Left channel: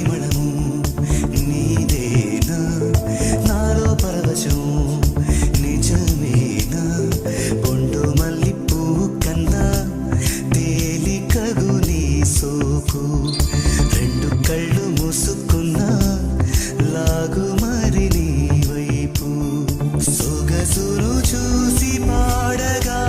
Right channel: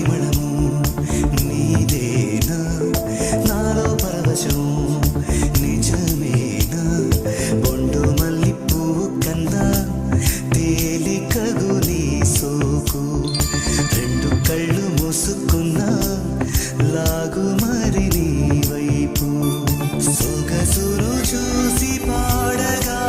పరిమళము నీదేనా నాలో పరవశం నిజమేనా బొండు మల్లిపూ కన్నా తేలికగు నీ సోకు రెండు కళ్ళు మూసుకున్నా లాగు మరి నీ వైపు సొగసును చూసి పాడగా